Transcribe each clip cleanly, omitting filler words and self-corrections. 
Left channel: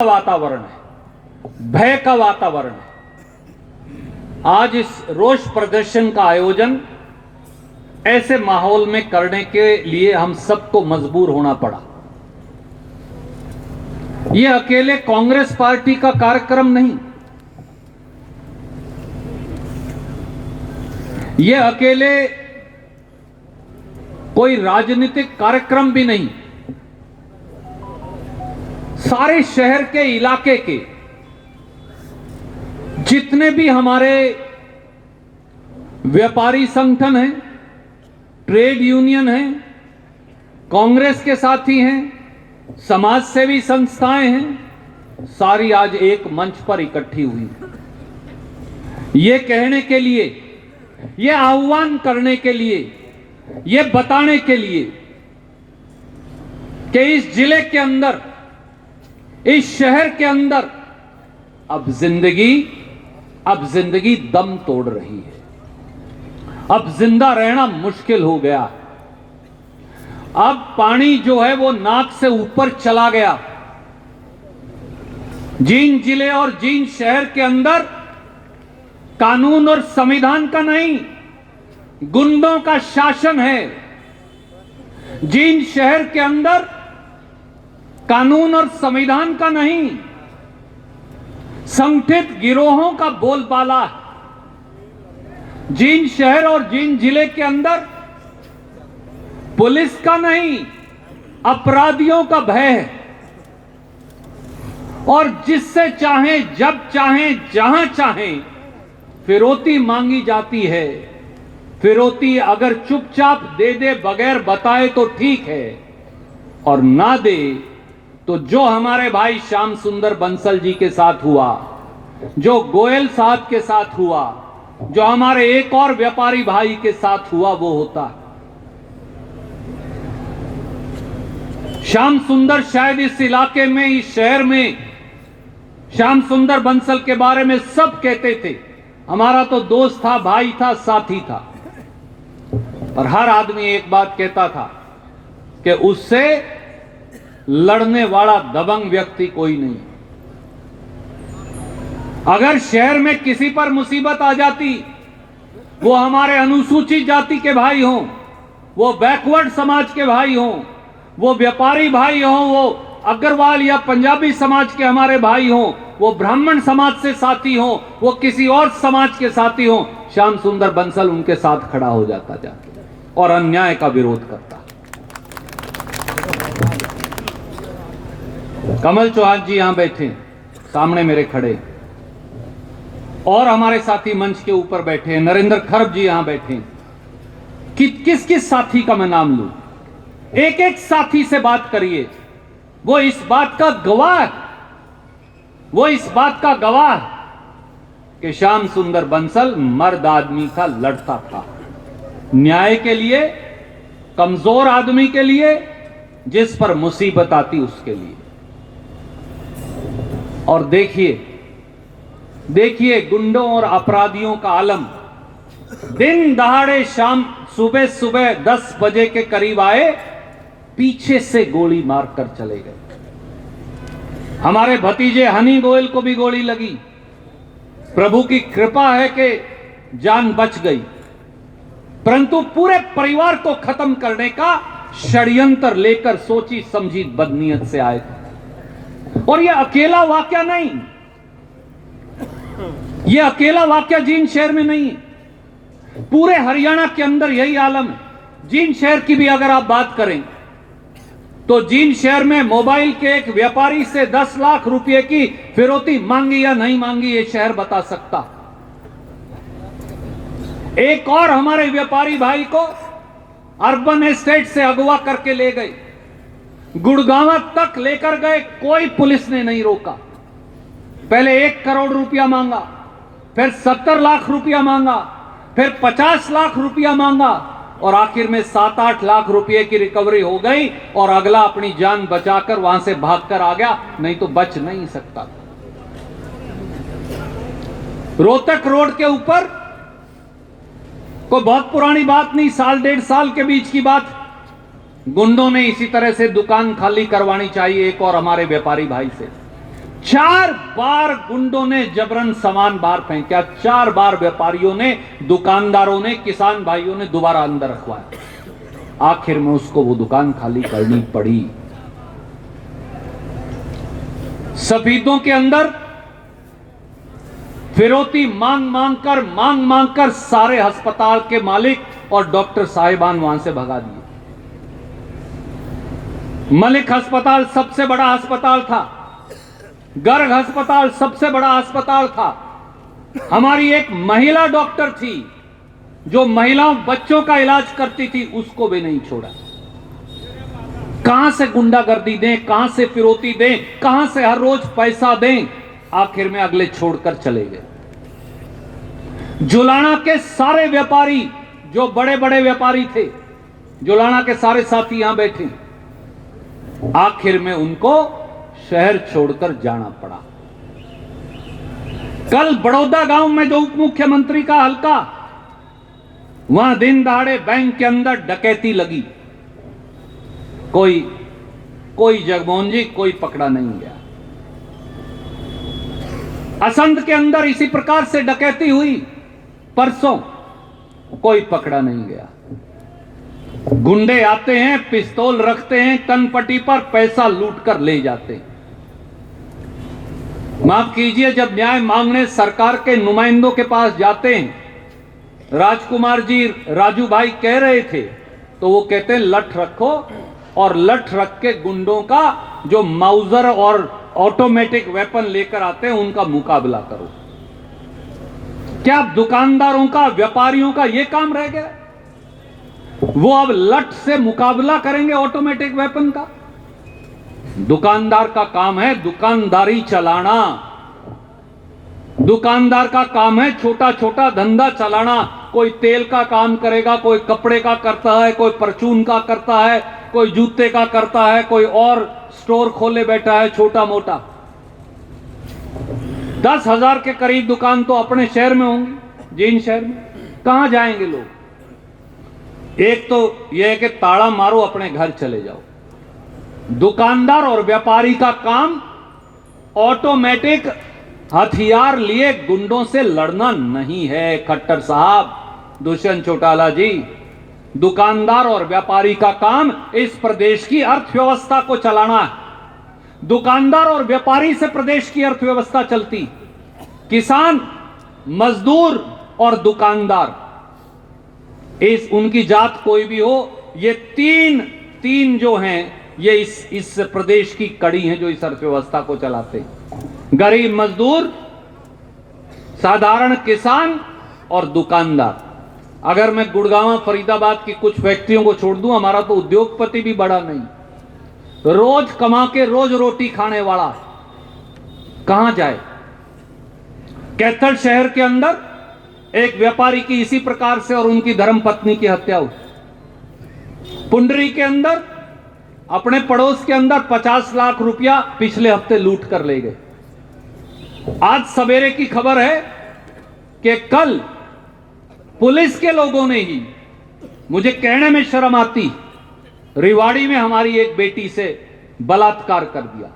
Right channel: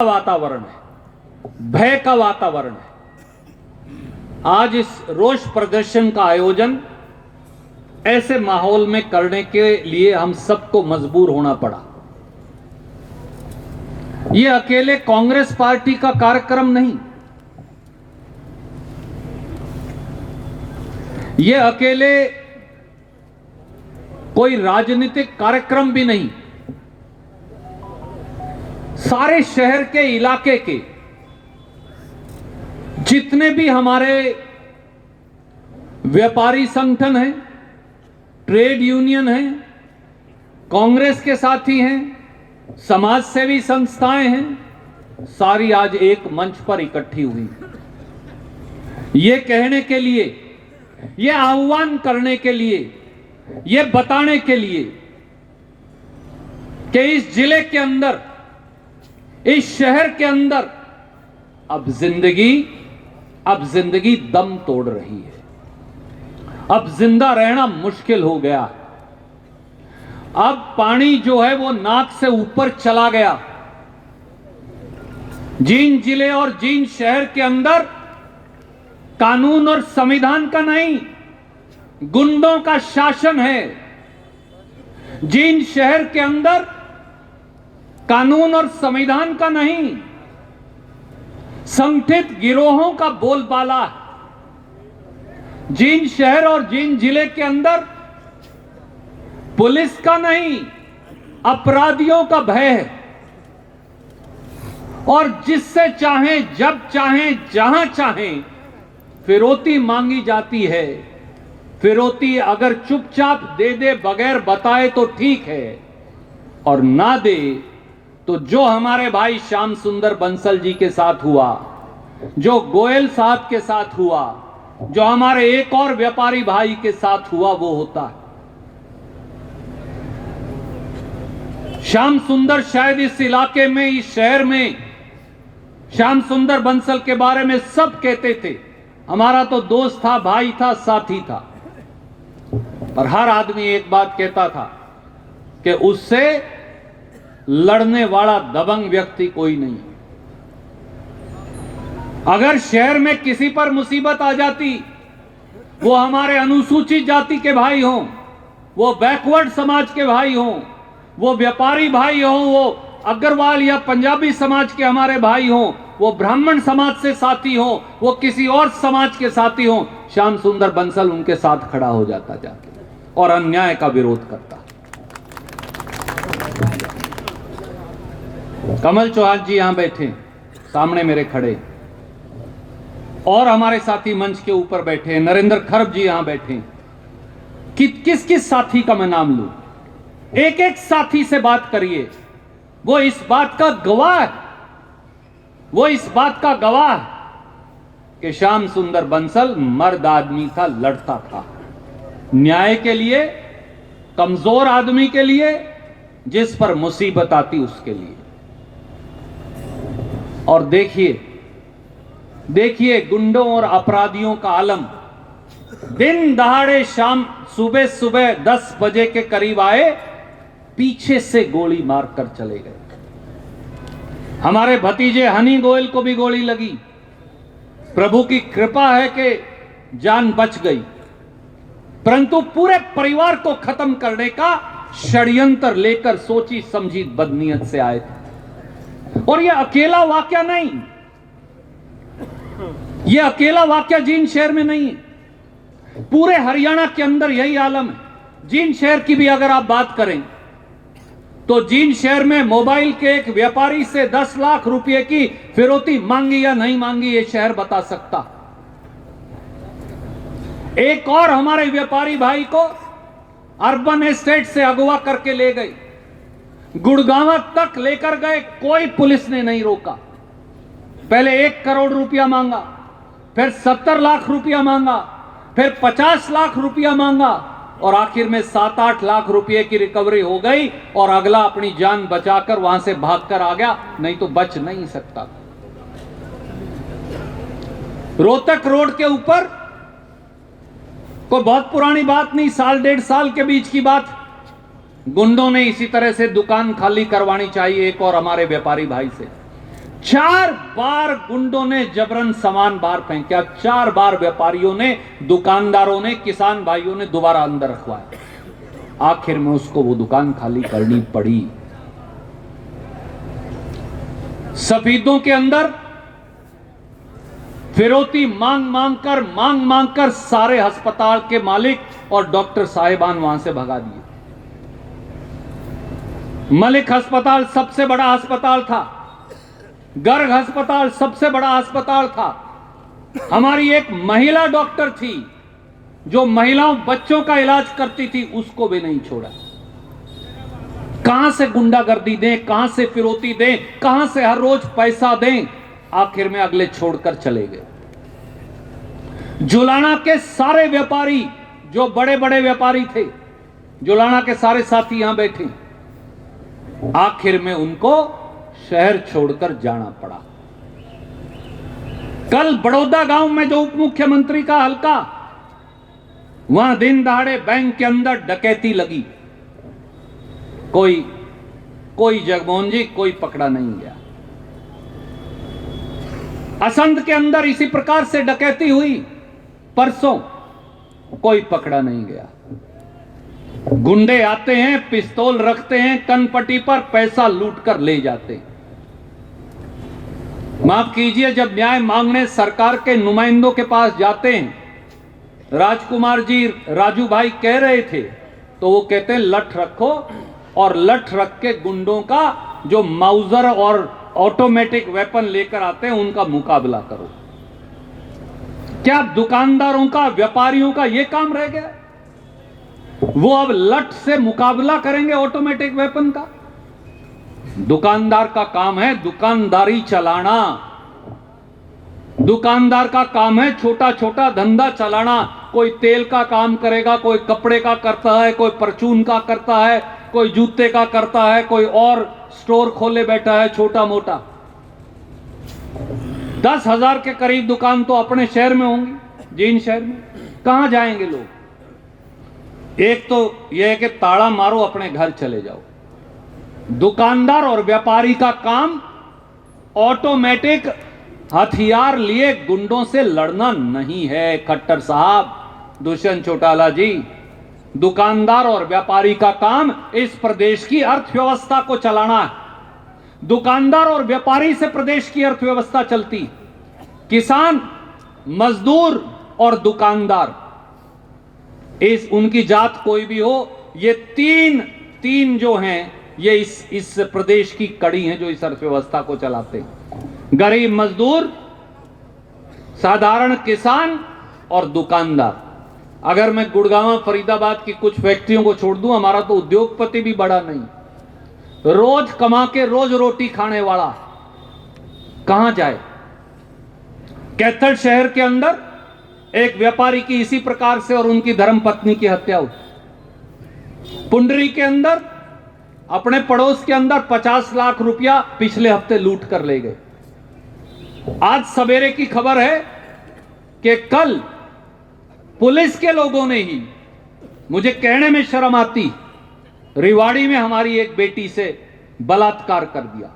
वातावरण है, भय का वातावरण है। आज इस रोष प्रदर्शन का आयोजन ऐसे माहौल में करने के लिए हम सबको मजबूर होना पड़ा। यह अकेले कांग्रेस पार्टी का कार्यक्रम नहीं, यह अकेले कोई राजनीतिक कार्यक्रम भी नहीं। सारे शहर के इलाके के जितने भी हमारे व्यापारी संगठन हैं, ट्रेड यूनियन हैं, कांग्रेस के साथी हैं, समाज सेवी संस्थाएं हैं, सारी आज एक मंच पर इकट्ठी हुई हैं। ये कहने के लिए, ये आह्वान करने के लिए, ये बताने के लिए कि इस जिले के अंदर, इस शहर के अंदर अब जिंदगी दम तोड़ रही है। अब जिंदा रहना मुश्किल हो गया। अब पानी जो है वो नाक से ऊपर चला गया। जींद जिले और जींद शहर के अंदर कानून और संविधान का नहीं, गुंडों का शासन है। जींद शहर के अंदर कानून और संविधान का नहीं, संगठित गिरोहों का बोलबाला है। जींद शहर और जींद जिले के अंदर पुलिस का नहीं, अपराधियों का भय है। और जिससे चाहें, जब चाहें, जहां चाहें फिरौती मांगी जाती है। फिरौती अगर चुपचाप दे दे, बगैर बताए तो ठीक है, और ना दे तो जो हमारे भाई श्याम सुंदर बंसल जी के साथ हुआ, जो गोयल साहब के साथ हुआ, जो हमारे एक और व्यापारी भाई के साथ हुआ, वो होता। श्याम सुंदर शायद इस इलाके में, इस शहर में श्याम सुंदर बंसल के बारे में सब कहते थे, हमारा तो दोस्त था, भाई था, साथी था। और हर आदमी एक बात कहता था कि उससे लड़ने वाला दबंग व्यक्ति कोई नहीं। अगर शहर में किसी पर मुसीबत आ जाती, वो हमारे अनुसूचित जाति के भाई हों, वो बैकवर्ड समाज के भाई हों, वो व्यापारी भाई हों, वो अग्रवाल या पंजाबी समाज के हमारे भाई हों, वो ब्राह्मण समाज से साथी हों, वो किसी और समाज के साथी हों, श्याम सुंदर बंसल उनके साथ खड़ा हो जाता जाके और अन्याय का विरोध करता। कमल चौहान जी यहां बैठे, सामने मेरे खड़े, और हमारे साथी मंच के ऊपर बैठे, नरेंद्र खरब जी यहां बैठे। किस किस साथी का मैं नाम लूं? एक एक साथी से बात करिए। वो इस बात का गवाह है, वो इस बात का गवाह है कि श्याम सुंदर बंसल मर्द आदमी का लड़ता था, न्याय के लिए, कमजोर आदमी के लिए, जिस पर मुसीबत आती उसके लिए। और देखिए गुंडों और अपराधियों का आलम। दिन दहाड़े शाम सुबह 10 बजे के करीब आए, पीछे से गोली मारकर चले गए। हमारे भतीजे हनी गोयल को भी गोली लगी। प्रभु की कृपा है कि जान बच गई, परंतु पूरे परिवार को खत्म करने का षड्यंत्र लेकर सोची समझी बदनीयत से आए थे। और यह अकेला वाकया नहीं, यह अकेला वाकया जींद शहर में नहीं है, पूरे हरियाणा के अंदर यही आलम है। जींद शहर की भी अगर आप बात करें तो जींद शहर में मोबाइल के एक व्यापारी से 10 लाख रुपए की फिरौती मांगी या नहीं मांगी, ये शहर बता सकता। एक और हमारे व्यापारी भाई को अर्बन एस्टेट से अगवा करके ले गए, गुड़गांव तक लेकर गए, कोई पुलिस ने नहीं रोका। पहले 1 करोड़ रुपया मांगा, फिर 70 लाख रुपया मांगा, फिर 50 लाख रुपया मांगा, और आखिर में 7-8 लाख रुपए की रिकवरी हो गई, और अगला अपनी जान बचाकर वहां से भागकर आ गया, नहीं तो बच नहीं सकता। रोहतक रोड के ऊपर कोई बहुत पुरानी बात नहीं, 1.5 साल के बीच की बात, गुंडों ने इसी तरह से दुकान खाली करवानी चाहिए एक और हमारे व्यापारी भाई से। 4 बार गुंडों ने जबरन सामान बाहर फेंका, 4 बार व्यापारियों ने, दुकानदारों ने, किसान भाइयों ने दोबारा अंदर रखवाया। आखिर में उसको वो दुकान खाली करनी पड़ी। सफीदों के अंदर फिरौती मांग मांग कर सारे अस्पताल के मालिक और डॉक्टर साहिबान वहां से भगा दिए। मलिक अस्पताल सबसे बड़ा अस्पताल था, गर्ग अस्पताल सबसे बड़ा अस्पताल था। हमारी एक महिला डॉक्टर थी जो महिलाओं बच्चों का इलाज करती थी, उसको भी नहीं छोड़ा। कहां से गुंडागर्दी दें, कहां से फिरौती दें, कहां से हर रोज पैसा दें, आखिर में अगले छोड़कर चले गए। जुलाना के सारे व्यापारी, जो बड़े बड़े व्यापारी थे, जुलाना के सारे साथी यहां बैठे, आखिर में उनको शहर छोड़कर जाना पड़ा। कल बड़ौदा गांव में जो उप मुख्यमंत्री का हल्का, वहां दिन दहाड़े बैंक के अंदर डकैती लगी, कोई जगमोहन जी कोई पकड़ा नहीं गया। असंध के अंदर इसी प्रकार से डकैती हुई परसों, कोई पकड़ा नहीं गया। गुंडे आते हैं, पिस्तौल रखते हैं कनपट्टी पर, पैसा लूट कर ले जाते हैं। माफ कीजिए, जब न्याय मांगने सरकार के नुमाइंदों के पास जाते हैं, राजकुमार जी राजू भाई कह रहे थे, तो वो कहते हैं लठ रखो, और लठ रख के गुंडों का जो माउजर और ऑटोमेटिक वेपन लेकर आते हैं उनका मुकाबला करो। क्या दुकानदारों का, व्यापारियों का यह काम रह गया? वो अब लठ से मुकाबला करेंगे ऑटोमेटिक वेपन का? दुकानदार का काम है दुकानदारी चलाना, दुकानदार का काम है छोटा छोटा धंधा चलाना। कोई तेल का काम करेगा, कोई कपड़े का करता है, कोई परचून का करता है, कोई जूते का करता है, कोई और स्टोर खोले बैठा है छोटा मोटा। 10,000 के करीब दुकान तो अपने शहर में होंगी, जिन शहर में। कहां जाएंगे लोग? एक तो यह है कि ताला मारो, अपने घर चले जाओ। दुकानदार और व्यापारी का काम ऑटोमेटिक हथियार लिए गुंडों से लड़ना नहीं है। खट्टर साहब, दुष्यंत चौटाला जी, दुकानदार और व्यापारी का काम इस प्रदेश की अर्थव्यवस्था को चलाना है। दुकानदार और व्यापारी से प्रदेश की अर्थव्यवस्था चलती। किसान, मजदूर और दुकानदार, इस उनकी जात कोई भी हो, ये तीन जो हैं, ये इस प्रदेश की कड़ी हैं जो इस अर्थव्यवस्था को चलाते हैं। गरीब मजदूर, साधारण किसान और दुकानदार। अगर मैं गुड़गांव फरीदाबाद की कुछ फैक्ट्रियों को छोड़ दूं, हमारा तो उद्योगपति भी बड़ा नहीं, रोज कमा के रोज रोटी खाने वाला कहां जाए? कैथल शहर के अंदर एक व्यापारी की इसी प्रकार से और उनकी धर्मपत्नी की हत्या हुई। पुंडरी के अंदर, अपने पड़ोस के अंदर 50 लाख रुपया पिछले हफ्ते लूट कर ले गए। आज सवेरे की खबर है कि कल पुलिस के लोगों ने ही, मुझे कहने में शर्म आती, रिवाड़ी में हमारी एक बेटी से बलात्कार कर दिया।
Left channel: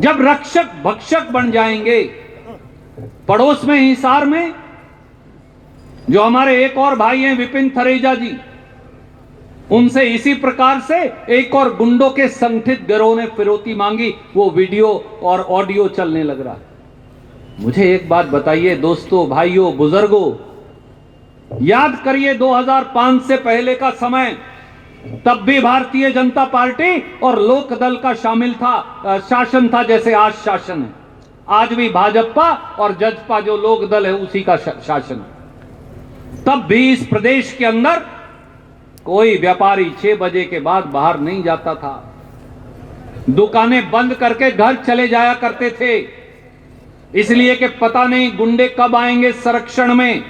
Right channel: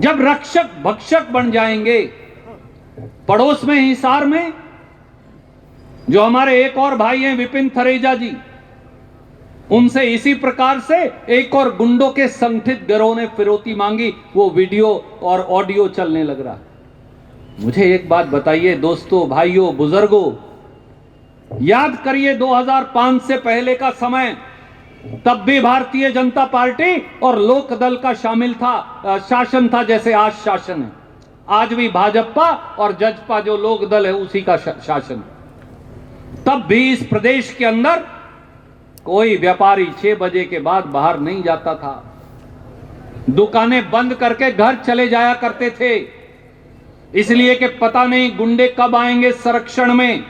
जब रक्षक भक्षक बन जाएंगे, पड़ोस में हिसार में जो हमारे एक और भाई हैं विपिन थरेजा जी, उनसे इसी प्रकार से एक और गुंडों के संगठित गिरोह ने फिरौती मांगी, वो वीडियो और ऑडियो चलने लग रहा है। मुझे एक बात बताइए दोस्तों, भाइयों, बुजुर्गों, याद करिए 2005 से पहले का समय। तब भी भारतीय जनता पार्टी और लोक दल का शासन था जैसे आज शासन है। आज भी भाजपा और जजपा जो लोक दल है उसी का शासन। तब भी इस प्रदेश के अंदर कोई व्यापारी 6 बजे के बाद बाहर नहीं जाता था। दुकानें बंद करके घर चले जाया करते थे, इसलिए कि पता नहीं गुंडे कब आएंगे संरक्षण में,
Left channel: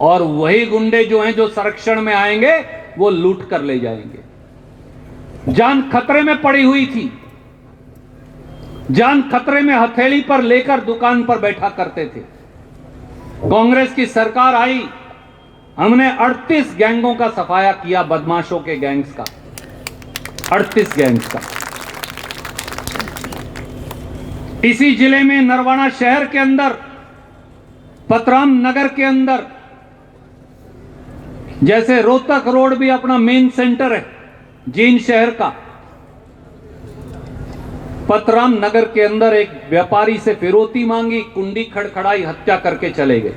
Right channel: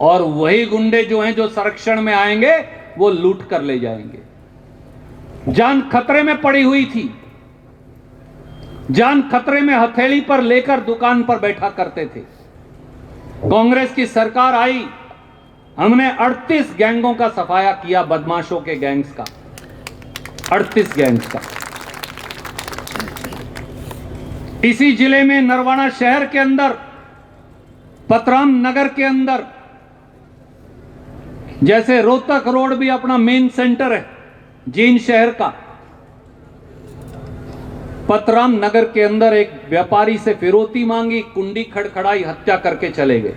और वही गुंडे जो हैं जो संरक्षण में आएंगे वो लूट कर ले जाएंगे। जान खतरे में पड़ी हुई थी, जान खतरे में हथेली पर लेकर दुकान पर बैठा करते थे। कांग्रेस की सरकार आई, हमने 38 गैंगों का सफाया किया, बदमाशों के गैंग्स का, 38 गैंग्स का। इसी जिले में नरवाना शहर के अंदर, पतराम नगर के अंदर, जैसे रोहतक रोड भी अपना मेन सेंटर है जींद शहर का, पतराम नगर के अंदर एक व्यापारी से फिरौती मांगी, कुंडी खड़खड़ाई, हत्या करके चले गए।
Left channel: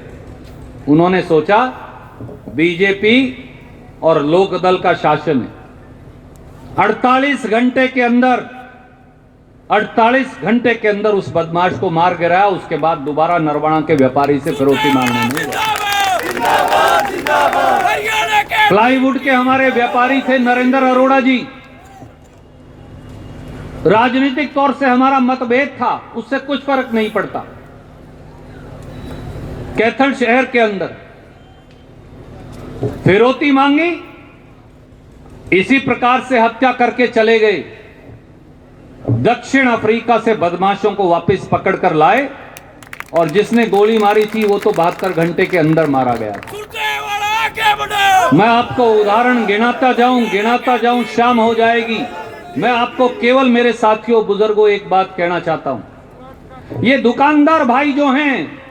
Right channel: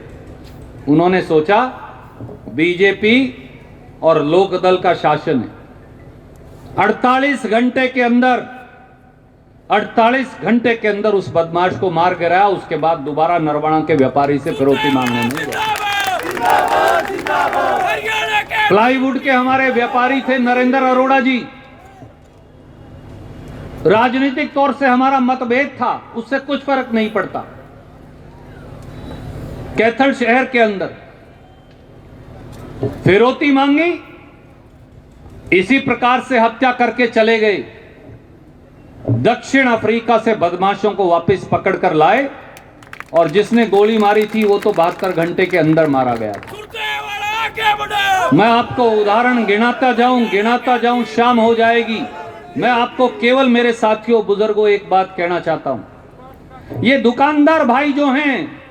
उन्होंने सोचा बीजेपी और लोकदल का शासन है, 48 घंटे के अंदर उस बदमाश को मार गिराया। उसके बाद दोबारा नरवाना के व्यापारी से फिरौती मांगने नहीं गया। प्लाईवुड के हमारे व्यापारी थे नरेंद्र अरोड़ा जी, राजनीतिक तौर से हमारा मतभेद था, उससे कुछ फर्क नहीं पड़ता। कैथल शहर के अंदर फिरौती मांगी, इसी प्रकार से हत्या करके चले गए। दक्षिण अफ्रीका से बदमाशों को वापस पकड़कर लाए और जिसने गोली मारी थी वो तो 72 घंटे के अंदर मारा गया। मैं आपको उदाहरण गिनाता जाऊं, शाम हो जाएगी। मैं आपको केवल मेरे साथियों बुजुर्गों एक बात कहना चाहता हूं। ये दुकानदार भाई जो हैं,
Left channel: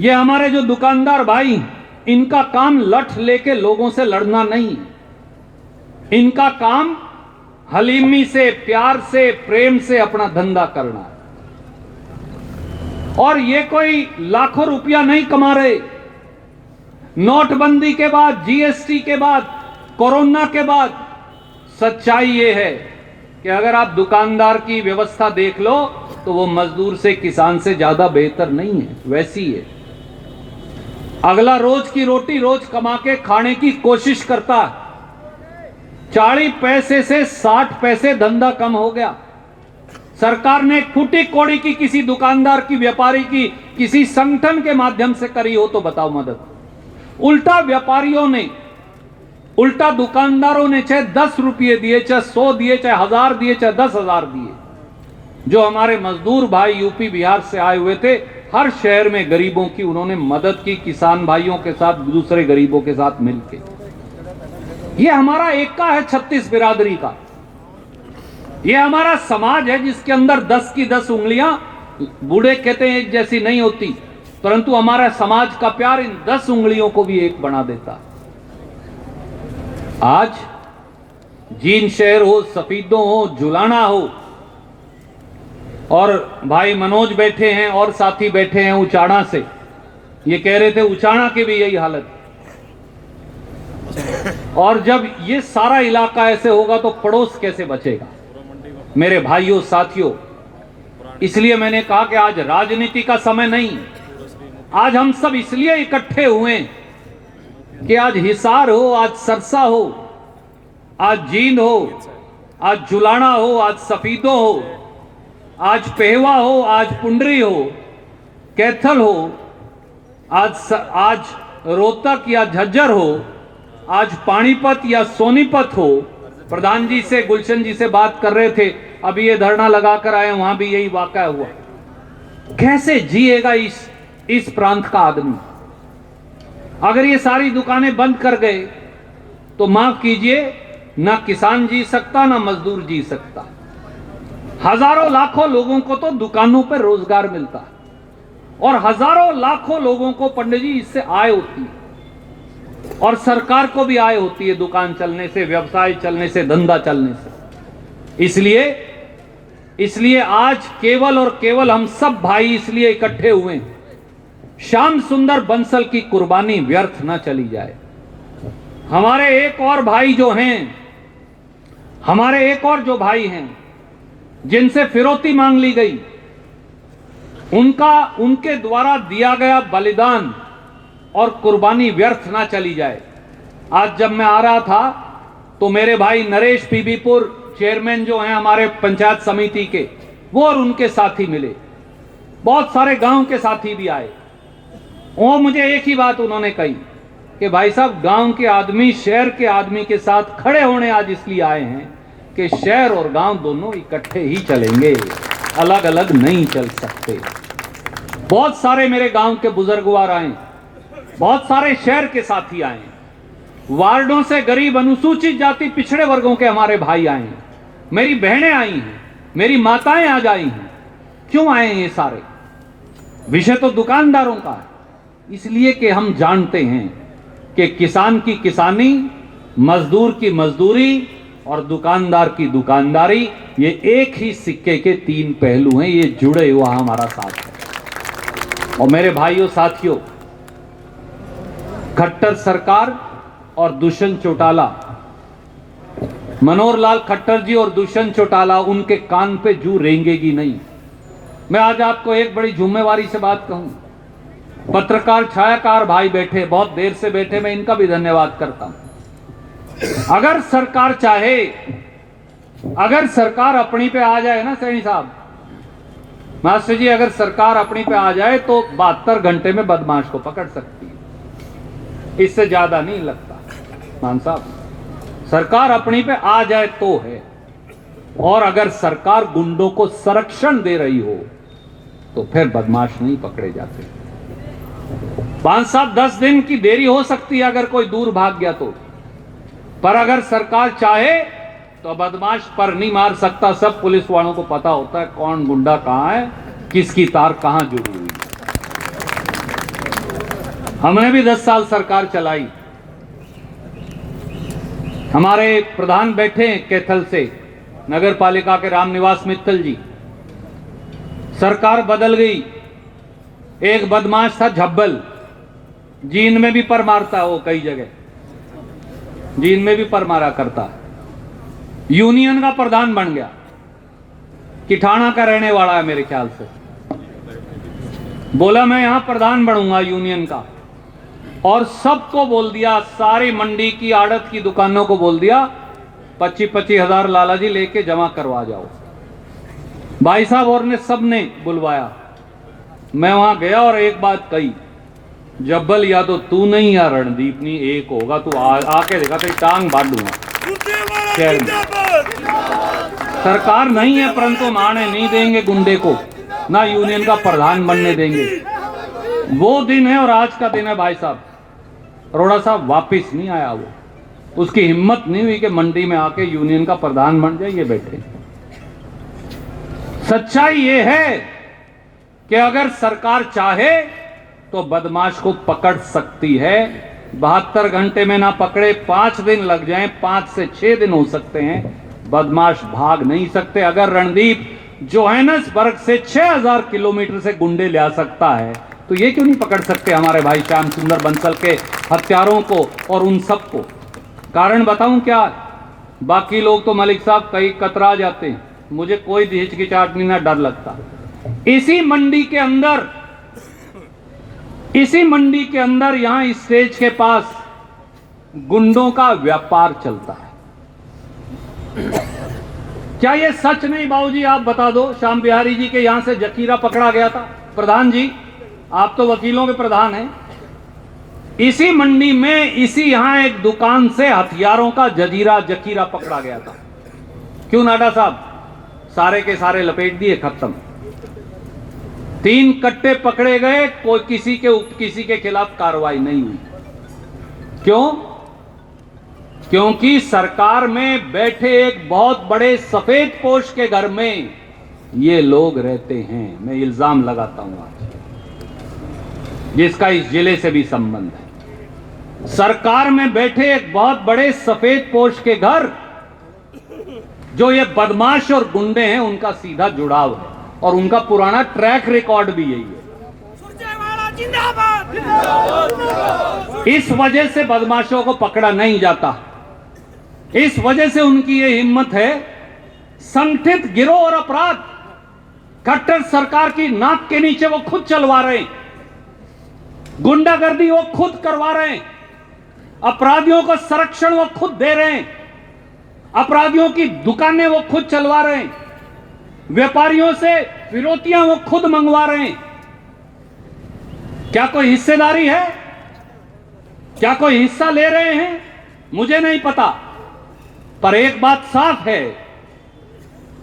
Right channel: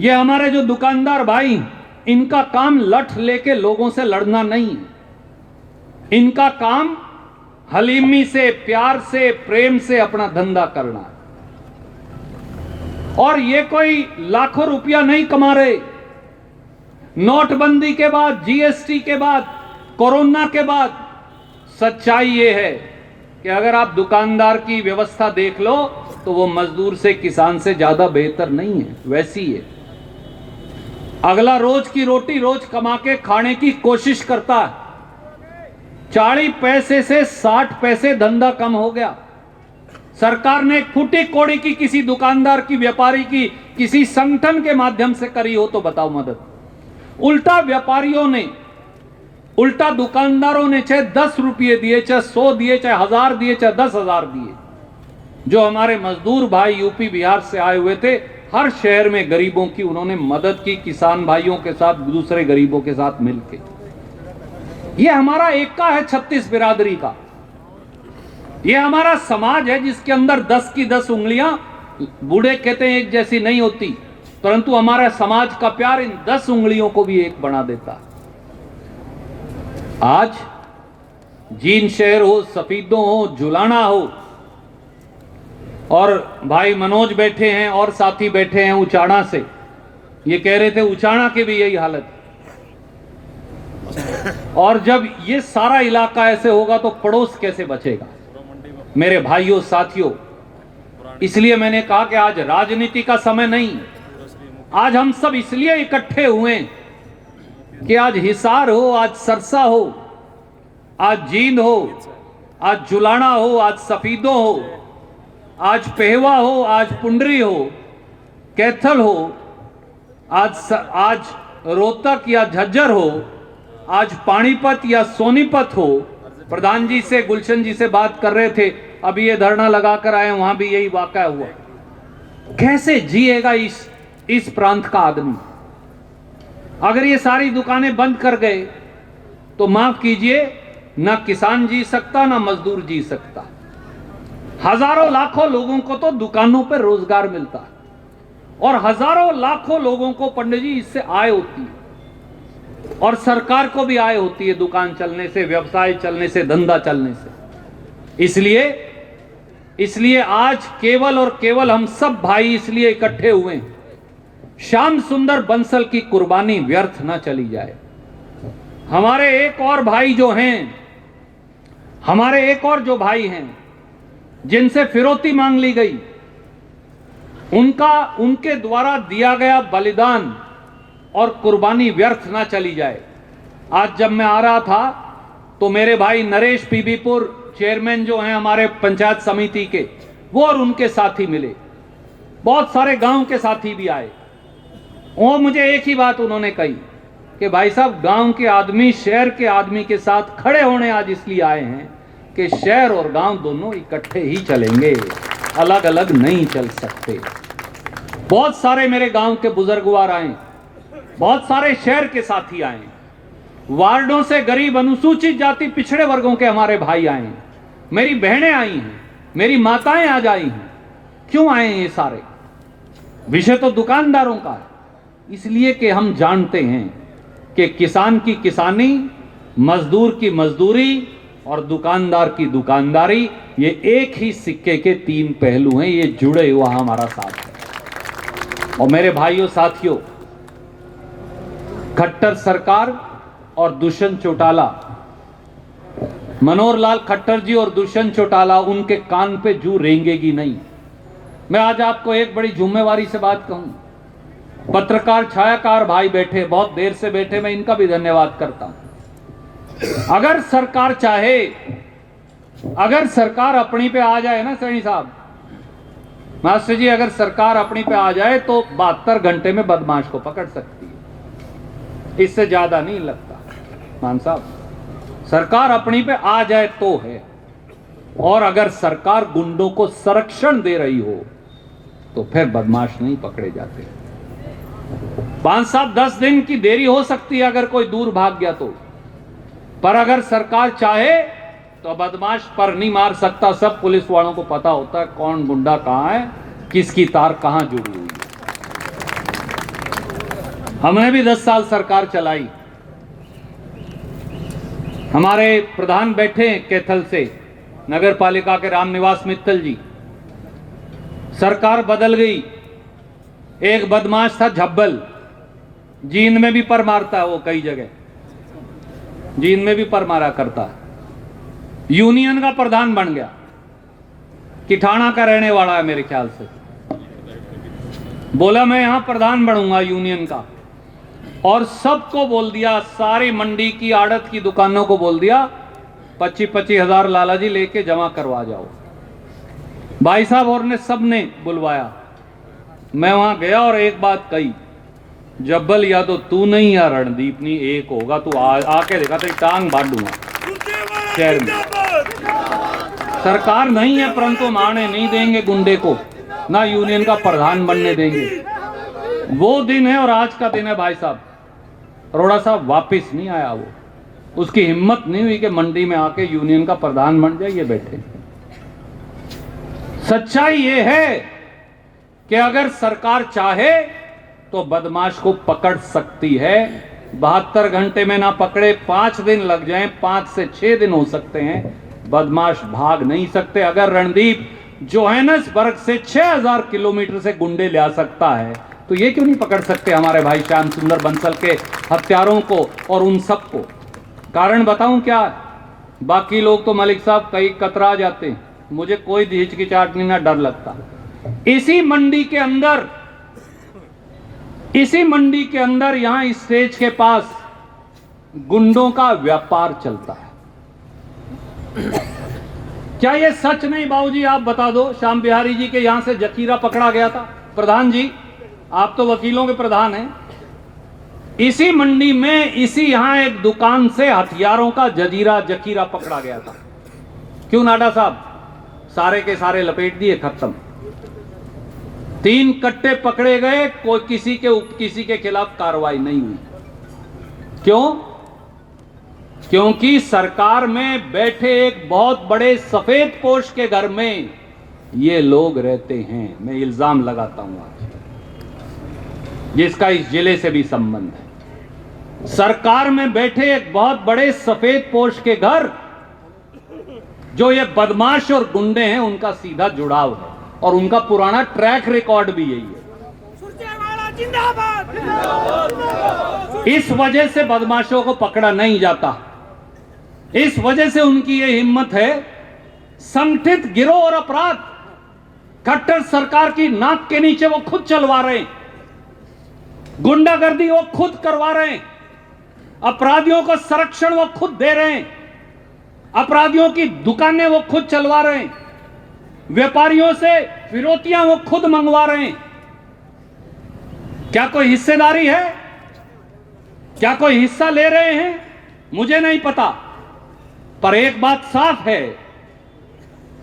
ये हमारे जो दुकानदार भाई, इनका काम लठ लेके लोगों से लड़ना नहीं है। इनका काम हलीमी से, प्यार से, प्रेम से अपना धंधा करना है। और ये कोई लाखों रुपया नहीं कमा रहे। नोटबंदी के बाद, जीएसटी के बाद, कोरोना के बाद सच्चाई ये है कि अगर आप दुकानदार की व्यवस्था देख लो तो वो मजदूर से, किसान से ज्यादा बेहतर नहीं है, वैसी है। अगला रोज की रोटी रोज कमा के खाने की कोशिश करता है। 40 पैसे से 60 पैसे धंधा कम हो गया। सरकार ने फूटी कोड़ी की किसी दुकानदार की, व्यापारी की, किसी संगठन के माध्यम से करी हो तो बताओ मदद। उल्टा व्यापारियों ने, उल्टा दुकानदारों ने चाहे 10 रुपये दिए, चाहे 100 दिए, चाहे 1000 दिए, चाहे 10,000 दिए। जो हमारे मजदूर भाई यूपी बिहार से आए हुए थे, हर शहर में गरीबों की उन्होंने मदद की, किसान भाइयों के साथ, दूसरे गरीबों के साथ मिलकर। ये हमारा एकता है 36 बिरादरी का। ये हमारा समाज है जिसके अंदर 10 की 10 उंगलियां, बूढ़े कहते हैं एक जैसी नहीं होती, परंतु हमारा समाज का प्यार इन 10 उंगलियों को भी एक बना देता है। आज जींद शहर हो, सफीदों हो, जुलाना हो, और भाई मनोज बैठे हैं और साथी बैठे हैं उचाना से, ये कह रहे थे उचाना की भी यही हालत। और जब ये सारा इलाका ऐसे होगा तो पड़ोस कैसे बचेगा मेरे भाइयों साथियों। इसलिए मैंने कहा कि आज राजनीति का समय नहीं, आज हम सब इसलिए इकट्ठे हुए कि आज हिसार हो, आज सरसा हो, आज जींद हो, आज जुलाना हो, आज सफीदों हो, आज पेहवा हो, आज पुंडरी हो, कैथल हो, आज रोहतक या झज्जर हो, आज पानीपत या सोनीपत हो। प्रधान जी से, गुलशन जी से बात कर रहे थे, अभी ये धरना लगाकर आए, वहां भी यही वाकया हुआ। कैसे जिएगा इस प्रांत का आदमी? अगर ये सारी दुकानें बंद कर गए तो माफ कीजिए, ना किसान जी सकता, ना मजदूर जी सकता। हजारों लाखों लोगों को तो दुकानों पर रोजगार मिलता है और हजारों लाखों लोगों को पंडित जी इससे आय होती है, और सरकार को भी आय होती है दुकान चलने से, व्यवसाय चलने से, धंधा चलने से। इसलिए आज केवल और केवल हम सब भाई इसलिए इकट्ठे हुए, श्याम सुंदर बंसल की कुर्बानी व्यर्थ ना चली जाए। हमारे एक और भाई जो हैं, हमारे एक और जो भाई हैं जिनसे फिरौती मांग ली गई, उनके द्वारा दिया गया बलिदान और कुर्बानी व्यर्थ ना चली जाए। आज जब मैं आ रहा था तो मेरे भाई नरेश पीबीपुर चेयरमैन जो हैं हमारे पंचायत समिति के, वो और उनके साथी मिले, बहुत सारे गांव के साथी भी आए। वो मुझे एक ही बात उन्होंने कही कि भाई साहब, गांव के आदमी शहर के आदमी के साथ खड़े होने आज इसलिए आए हैं कि शहर और गांव दोनों इकट्ठे ही चलेंगे, अलग अलग नहीं चल सकते। बहुत सारे मेरे गांव के बुजुर्गवार आए, बहुत सारे शहर के साथी आए, वार्डों से गरीब, अनुसूचित जाति, पिछड़े वर्गों के हमारे भाई आए हैं, मेरी बहनें आई हैं, मेरी माताएं आज आई हैं। क्यों आए हैं ये सारे? विषय तो दुकानदारों का है। इसलिए कि हम जानते हैं कि किसान की किसानी, मजदूर की मजदूरी और दुकानदार की दुकानदारी, ये एक ही सिक्के के तीन पहलू हैं। ये जुड़े हुआ हमारा साथ है। और मेरे भाइयों साथियों, खट्टर सरकार और दुष्यंत चौटाला, मनोहर लाल खट्टर जी और दुष्यंत चौटाला, उनके कान पे जू रेंगेगी नहीं। मैं आज आपको एक बड़ी जिम्मेवारी से बात कहूं। पत्रकार, छायाकार भाई बैठे, बहुत देर से बैठे, मैं इनका भी धन्यवाद करता हूं। अगर सरकार चाहे, अगर सरकार अपनी पे आ जाए ना सैनी साहब, मास्टर जी, अगर सरकार अपनी पे आ जाए तो 72 घंटे में बदमाश को पकड़ सकती है। इससे ज्यादा नहीं लगता मान साहब। सरकार अपनी पे आ जाए तो है। और अगर सरकार गुंडों को संरक्षण दे रही हो तो फिर बदमाश नहीं पकड़े जाते। 5-7 10 दिन की देरी हो सकती है अगर कोई दूर भाग गया तो, पर अगर सरकार चाहे तो बदमाश पर नहीं मार सकता। सब पुलिस वालों को पता होता है कौन गुंडा कहां है, किसकी तार कहां जुड़ी हुई है। हमने भी 10 साल सरकार चलाई। हमारे प्रधान बैठे हैं कैथल से, नगर पालिका के रामनिवास मित्तल जी। सरकार बदल गई। एक बदमाश था झब्बल, जीन में भी पर मारता है वो, कई जगह जीन में भी पर मारा करता है। यूनियन का प्रधान बन गया, किठाना का रहने वाला है मेरे ख्याल से। बोला मैं यहां प्रधान बनूंगा यूनियन का, और सबको बोल दिया, सारी मंडी की आड़त की दुकानों को बोल दिया 25-25 हजार लाला जी लेके जमा करवा जाओ। भाई साहब और ने सबने बुलवाया। मैं वहां गया और एक बात कही, जब्बल या तो तू नहीं या रणदीप नहीं, एक होगा। तू आके देखा तेरी टांग बांध दूंगा शहर में। सरकार नहीं है परंतु माने नहीं देंगे गुंडे को, ना यूनियन का प्रधान बनने देंगे। वो दिन है और आज का दिन है भाई साहब। अरोड़ा साहब वापिस नहीं आया वो, उसकी हिम्मत नहीं हुई कि मंडी में आके यूनियन का प्रधान बन जाए। ये बैठे। सच्चाई ये है कि अगर सरकार चाहे तो बदमाश को पकड़ सकती है। 72 घंटे में ना पकड़े, 5 दिन लग जाएं, 5 से 6 दिन हो सकते हैं, बदमाश भाग नहीं सकते। अगर रणदीप जोहानिसबर्ग से 6000 किलोमीटर से गुंडे ले आ सकता है तो ये क्यों नहीं पकड़ सकते हमारे भाई श्याम सुंदर बंसल के हत्यारों को और उन सबको? कारण बताऊं क्या? बाकी लोग तो मलिक साहब कई कतरा जाते हैं, मुझे कोई हिचकिचाहट नहीं, ना डर लगता। इसी मंडी के अंदर यहां स्टेज के पास गुंडों का व्यापार चलता है। क्या ये सच नहीं बाबूजी? आप बता दो। श्याम बिहारी जी के यहां से जखीरा पकड़ा गया था। प्रधान जी, आप तो वकीलों के प्रधान हैं। इसी मंडी में, इसी यहां एक दुकान से हथियारों का जखीरा पकड़ा गया था। क्यों नाडा साहब? सारे के सारे लपेट दिए, खत्म। 3 कट्टे पकड़े गए, कोई किसी के खिलाफ कार्रवाई नहीं हुई। क्यों? क्योंकि सरकार में बैठे एक बहुत बड़े सफेद पोश के घर में ये लोग रहते हैं। मैं इल्जाम लगाता हूं आज, जिसका इस जिले से भी संबंध है। सरकार में बैठे एक बहुत बड़े सफेद पोश के घर, जो ये बदमाश और गुंडे हैं, उनका सीधा जुड़ाव है और उनका पुराना ट्रैक रिकॉर्ड भी यही है। इस वजह से बदमाशों को पकड़ा नहीं जाता। इस वजह से उनकी ये हिम्मत है। संगठित गिरोह और अपराध खट्टर सरकार की नाक के नीचे वो खुद चलवा रहे हैं, गुंडागर्दी वो खुद करवा रहे हैं, अपराधियों का संरक्षण वो खुद दे रहे हैं, अपराधियों की दुकानें वो खुद चलवा रहे हैं, व्यापारियों से फिरौतियां वो खुद मंगवा रहे हैं। क्या कोई हिस्सेदारी है? क्या कोई हिस्सा ले रहे हैं? मुझे नहीं पता, पर एक बात साफ है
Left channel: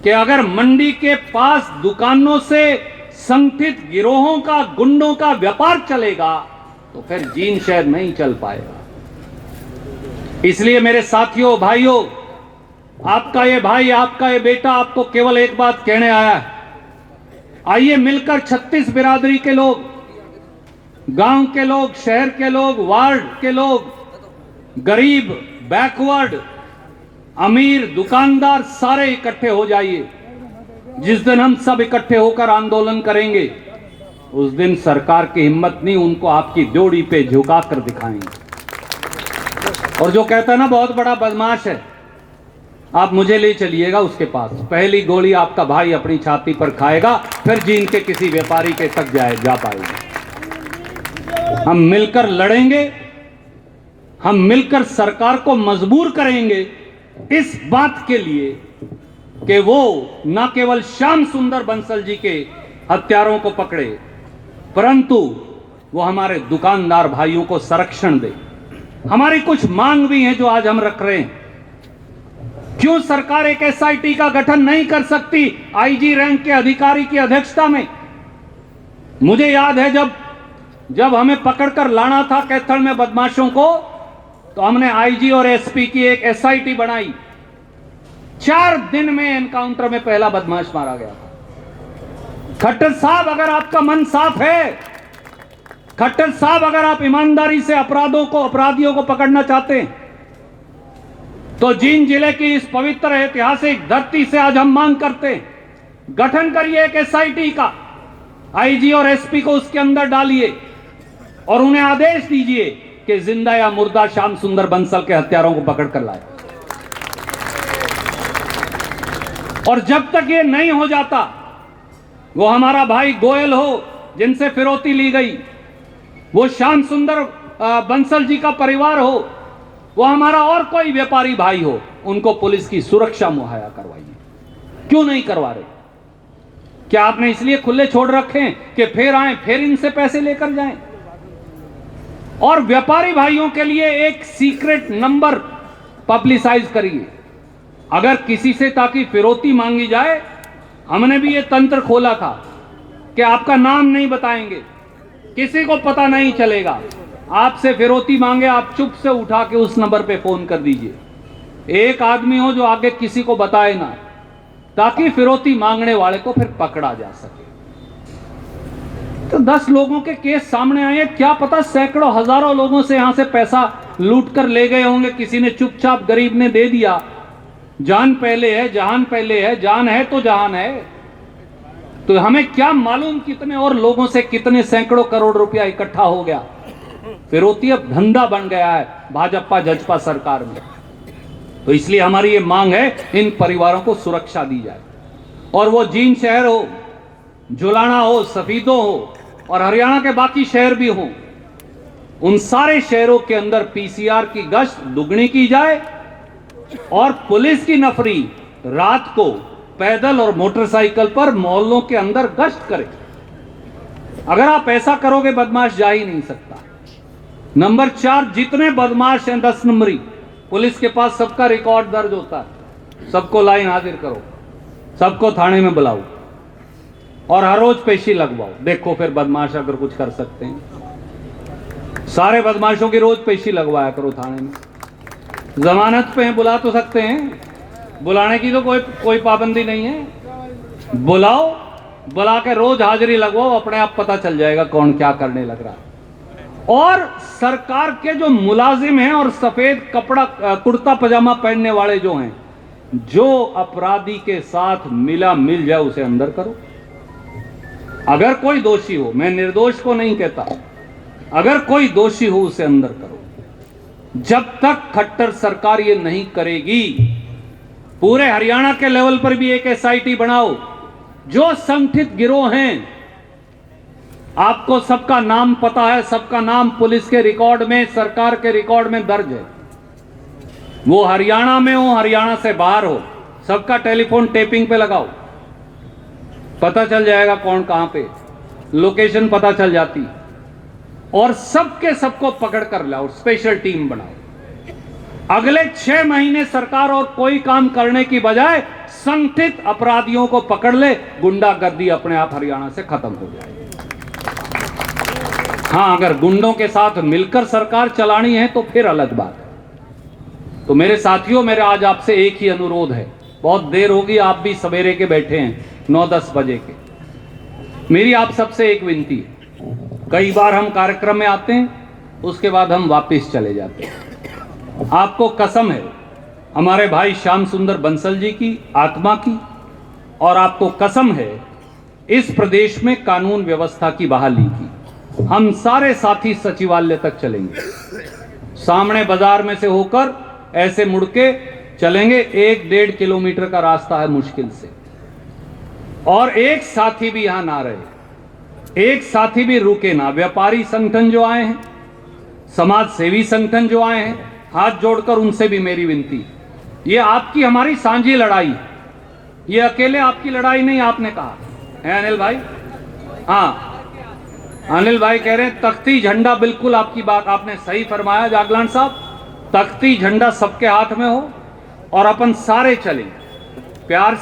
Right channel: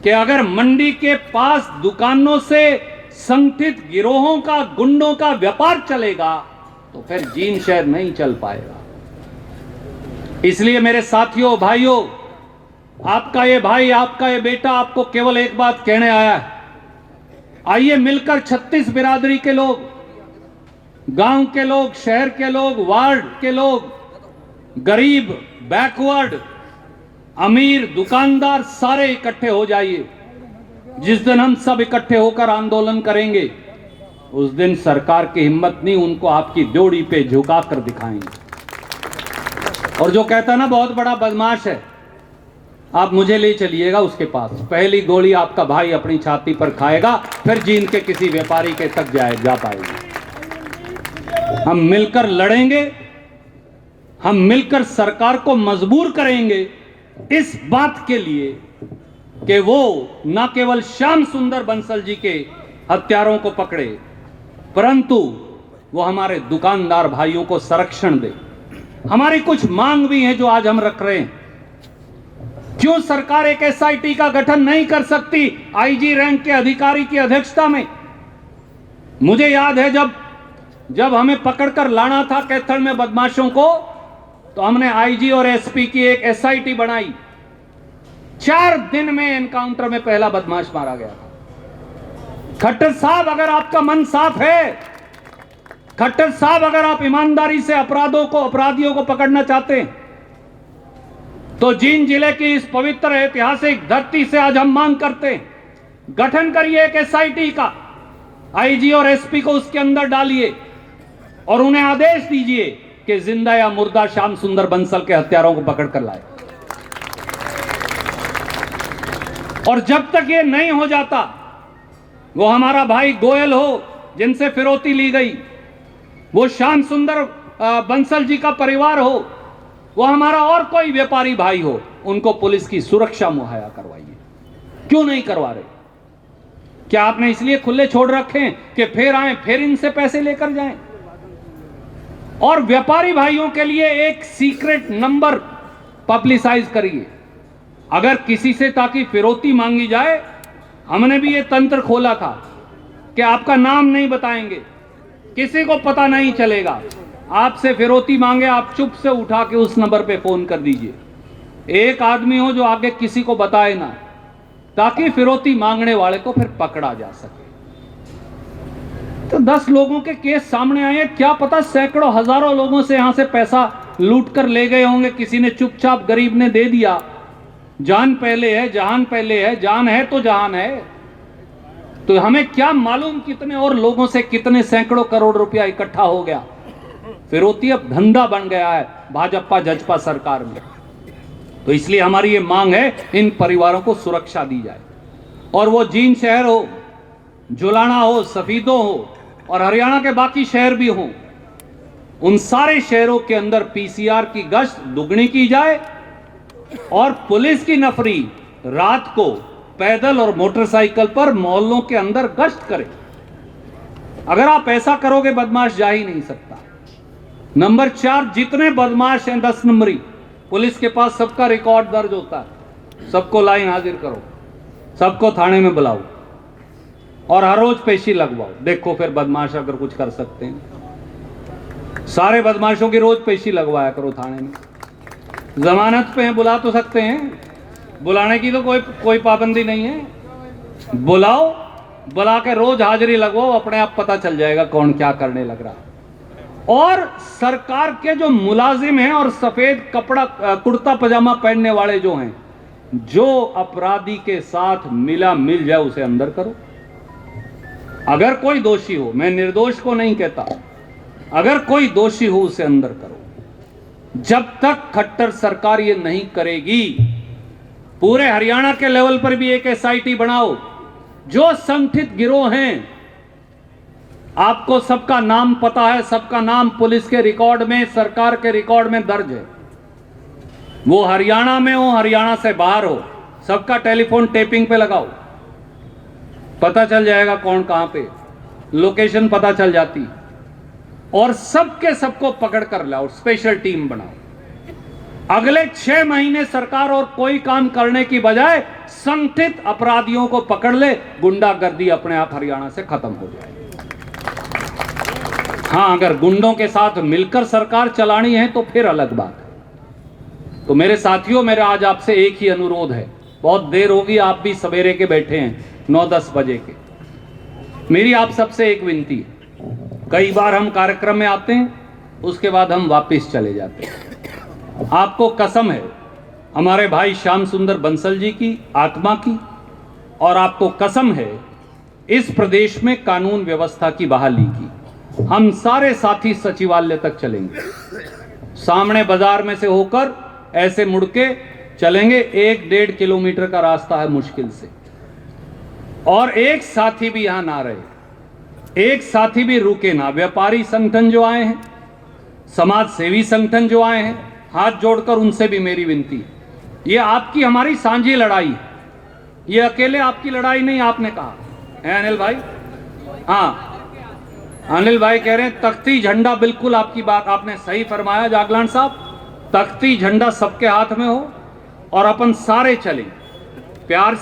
कि अगर मंडी के पास दुकानों से संगठित गिरोहों का, गुंडों का व्यापार चलेगा तो फिर जीन शहर नहीं चल पाएगा। इसलिए मेरे साथियों, भाइयों, आपका ये भाई, आपका ये बेटा आपको केवल एक बात कहने आया है। आइए मिलकर 36 बिरादरी के लोग, गांव के लोग, शहर के लोग, वार्ड के लोग, गरीब, बैकवर्ड, अमीर, दुकानदार, सारे इकट्ठे हो जाइए। जिस दिन हम सब इकट्ठे होकर आंदोलन करेंगे उस दिन सरकार की हिम्मत नहीं, उनको आपकी ड्योढ़ी पे झुका कर दिखाएंगे। और जो कहता ना बहुत बड़ा बदमाश है, आप मुझे ले चलिएगा उसके पास, पहली गोली आपका भाई अपनी छाती पर खाएगा, फिर जीन के किसी व्यापारी के तक जा पाएगा। हम मिलकर लड़ेंगे, हम मिलकर सरकार को मजबूर करेंगे इस बात के लिए कि वो न केवल श्याम सुंदर बंसल जी के हत्यारों को पकड़े, परंतु वो हमारे दुकानदार भाइयों को संरक्षण दे। हमारी कुछ मांग भी है जो आज हम रख रहे हैं। क्यों सरकार एक एसआईटी का गठन नहीं कर सकती आईजी रैंक के अधिकारी की अध्यक्षता में? मुझे याद है जब हमें पकड़कर लाना था कैथल में बदमाशों को, तो हमने आईजी और एसपी की एक एसआईटी बनाई। 4 दिन में एनकाउंटर में पहला बदमाश मारा गया था। खट्टर साहब, अगर आपका मन साफ है, खट्टर साहब अगर आप ईमानदारी से अपराधियों को पकड़ना चाहते हैं, तो जींद जिले की इस पवित्र ऐतिहासिक धरती से आज हम मांग करते हैं, गठन करिए एक एसआईटी का, आईजी और एसपी को उसके अंदर डालिए और उन्हें आदेश दीजिए कि जिंदा या मुर्दा श्याम सुंदर बंसल के हत्यारों को पकड़ कर लाए। और जब तक ये नहीं हो जाता, वो हमारा भाई गोयल हो जिनसे फिरौती ली गई, वो श्याम सुंदर बंसल जी का परिवार हो, वो हमारा और कोई व्यापारी भाई हो, उनको पुलिस की सुरक्षा मुहैया करवाइए। क्यों नहीं करवा रहे? क्या आपने इसलिए खुले छोड़ रखे हैं कि फिर आए, फिर इनसे पैसे लेकर जाएं? और व्यापारी भाइयों के लिए एक सीक्रेट नंबर पब्लिसाइज करिए। अगर किसी से ताकि फिरौती मांगी जाए, हमने भी ये तंत्र खोला था कि आपका नाम नहीं बताएंगे, किसी को पता नहीं चलेगा। आपसे फिरौती मांगे, आप चुप से उठा के उस नंबर पे फोन कर दीजिए। एक आदमी हो जो आगे किसी को बताए ना, ताकि फिरौती मांगने वाले को फिर पकड़ा जा सके। तो 10 लोगों के केस सामने आए, क्या पता सैकड़ों हजारों लोगों से यहां से पैसा लूट कर ले गए होंगे। किसी ने चुपचाप, गरीब ने दे दिया। जान पहले है, जहान पहले है, जान है तो जहान है। तो हमें क्या मालूम कितने और लोगों से कितने सैकड़ों करोड़ रुपया इकट्ठा हो गया। फिरौती अब धंधा बन गया है भाजपा जजपा सरकार में। तो इसलिए हमारी ये मांग है, इन परिवारों को सुरक्षा दी जाए। और वो जींद शहर हो, जुलाना हो, सफीदो हो और हरियाणा के बाकी शहर भी हो, उन सारे शहरों के अंदर पीसीआर की गश्त दुगनी की जाए और पुलिस की नफरी रात को पैदल और मोटरसाइकिल पर मोहल्लों के अंदर गश्त करे। अगर आप ऐसा करोगे, बदमाश जा ही नहीं सकता। नंबर 4, जितने बदमाश हैं 10 नंबरी, पुलिस के पास सबका रिकॉर्ड दर्ज होता है। सबको लाइन हाजिर करो, सबको थाने में बुलाओ और हर रोज पेशी लगवाओ। देखो फिर बदमाश अगर कुछ कर सकते हैं। सारे बदमाशों की रोज पेशी लगवाया करो थाने में। जमानत पे हैं, बुला तो सकते हैं, बुलाने की तो कोई पाबंदी नहीं है। बुलाओ, बुला के रोज हाजिरी लगवाओ, अपने आप पता चल जाएगा कौन क्या करने लग रहा। और सरकार के जो मुलाजिम हैं और सफेद कपड़ा कुर्ता पजामा पहनने वाले जो हैं, जो अपराधी के साथ मिल जाए उसे अंदर करो। अगर कोई दोषी हो, मैं निर्दोष को नहीं कहता, अगर कोई दोषी हो उसे अंदर करो। जब तक खट्टर सरकार ये नहीं करेगी, पूरे हरियाणा के लेवल पर भी एक एसआईटी बनाओ। जो संगठित गिरोह हैं, आपको सबका नाम पता है, सबका नाम पुलिस के रिकॉर्ड में, सरकार के रिकॉर्ड में दर्ज है। वो हरियाणा में हो, हरियाणा से बाहर हो, सबका टेलीफोन टेपिंग पे लगाओ, पता चल जाएगा कौन कहां पे, लोकेशन पता चल जाती। और सबके सबको पकड़ कर लाओ, स्पेशल टीम बनाओ। अगले 6 महीने सरकार और कोई काम करने की बजाय संगठित अपराधियों को पकड़ ले, गुंडागर्दी अपने आप हरियाणा से खत्म हो जाएगी। हाँ, अगर गुंडों के साथ मिलकर सरकार चलानी है तो फिर अलग बात है। तो मेरे साथियों, मेरा आज आपसे एक ही अनुरोध है। बहुत देर होगी, आप भी सवेरे के बैठे हैं, 9-10 बजे के। मेरी आप सबसे एक विनती है, कई बार हम कार्यक्रम में आते हैं, उसके बाद हम वापस चले जाते हैं। आपको कसम है हमारे भाई श्याम सुंदर बंसल जी की आत्मा की, और आपको कसम है इस प्रदेश में कानून व्यवस्था की बहाली की। हम सारे साथी सचिवालय तक चलेंगे, सामने बाजार में से होकर ऐसे मुड़ के चलेंगे। 1-1.5 किलोमीटर का रास्ता है मुश्किल से, और एक साथी भी यहां ना रहे, एक साथी भी रुके ना। व्यापारी संगठन जो आए हैं, समाज सेवी संगठन जो आए हैं, हाथ जोड़कर उनसे भी मेरी विनती है, ये आपकी हमारी साझी लड़ाई है, ये अकेले आपकी लड़ाई नहीं। आपने कहा है अनिल भाई, हाँ अनिल भाई कह रहे हैं तख्ती झंडा, बिल्कुल आपकी बात आपने सही फरमाया जागलान साहब। तख्ती झंडा सबके हाथ में हो और अपन सारे चलें प्यार से।